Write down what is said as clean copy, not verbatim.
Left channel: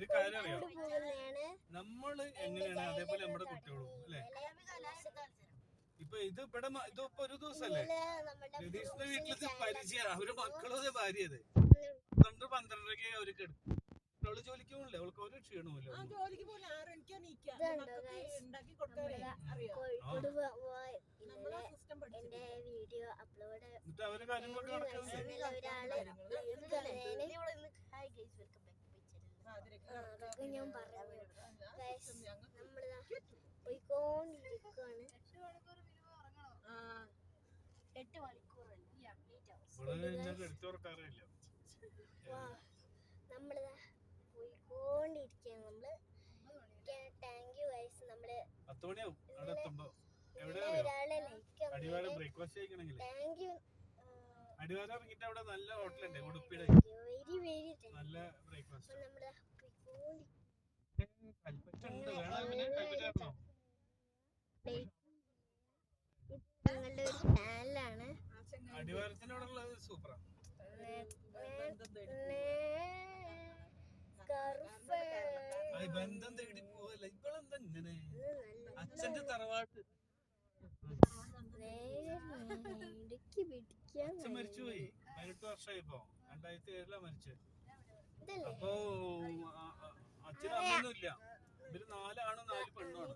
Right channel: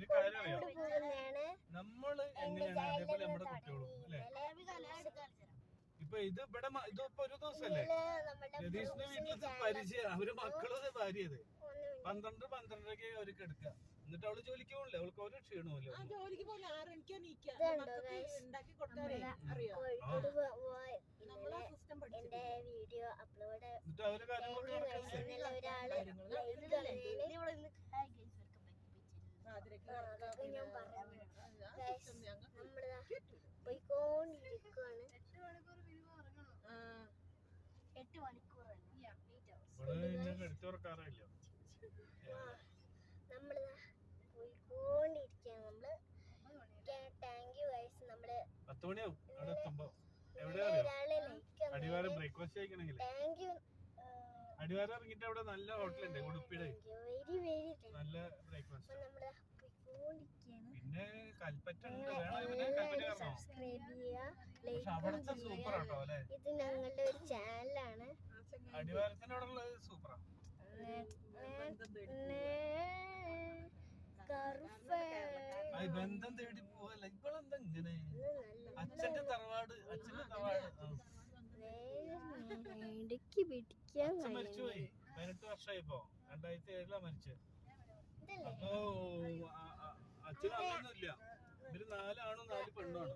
ഒരു കാര്യം അറിയാം, നമ്മള് എങ്ങനെയാണ് അതേപോലെ നമ്മുടെ കുട്ടികളും അല്ലെ. ഇപ്പൊ ഇതിപ്പോ ഒരു ദിവസല്ലേ രതീഷിന്റെ വീട്ടിലത്തെ പരിചയം, അവര് മക്കളും ഭാര്യയത് 12-12:30 അവർക്ക് എടുക്കാം. എന്നിട്ട് അവള് ജോലിക്ക് പോകില്ലേ, അവൾക്ക് ഒരു ക്ഷീണമില്ല. എന്റെ വീഡിയോ അപ്ലോഡ് എന്നിട്ട് അവര് കാര്യങ്ങളൊക്കെ നടക്കുന്നത്. ഞാൻ പറഞ്ഞു നമ്മള് പോയിക്കൊണ്ടിരിക്കുവാണ്. 8 മണിക്കൂറല്ല, നമ്മളിതാ പോയിക്കൊണ്ടിരിക്കുകയാണ്. നമ്മള് താങ്ക് യു ഗൈസ്. നമ്മള് 10 മണിയാവും അവിടെ എത്തുമ്പോ. ഒരാളെ ലൈക്ക് അടിവാരം ബ്രേക്ക്ഫാസ്റ്റ് കഴിക്കണമെങ്കിൽ താങ്ക് യു. അടിവാരം ഇറങ്ങിട്ട് അവിടെ നല്ല ഹോട്ടലുണ്ട് ഉടുപ്പിയുടെ, വെരി വെരി നല്ല ബ്രേക്ക്ഫാസ്റ്റ്. നമ്മള് പോയിക്കൊണ്ടിരിക്കുകയാണ്. പിന്നെ കൽപ്പറ്റുണ്ട്, വേണമെങ്കിൽ സബ്സ്ക്രൈബ് ചെയ്യുക. അവിടുത്തെ സൂപ്പർ ആട്ടോ അല്ലെ. ഇത് ഞങ്ങളുടെ ഒരു ചാനലാണ്. അടിവാരത്തിനോടുള്ളത് സൂപ്പറാ. ബന്ധം തേടി പോവല്ല ഇവളെന്താ ഇങ്ങനെ. അച്ഛന്റെ തറവാട് അച്ഛൻ മരിച്ചുപോയി. 18 വർഷമായിപ്പോ, 2007 മരിച്ചു. അപ്പൊ അച്ഛനും അമ്മയൊന്നും ഇല്ല. ഇവര് 4 ആണും 4 പെണ്ണുമാണ്.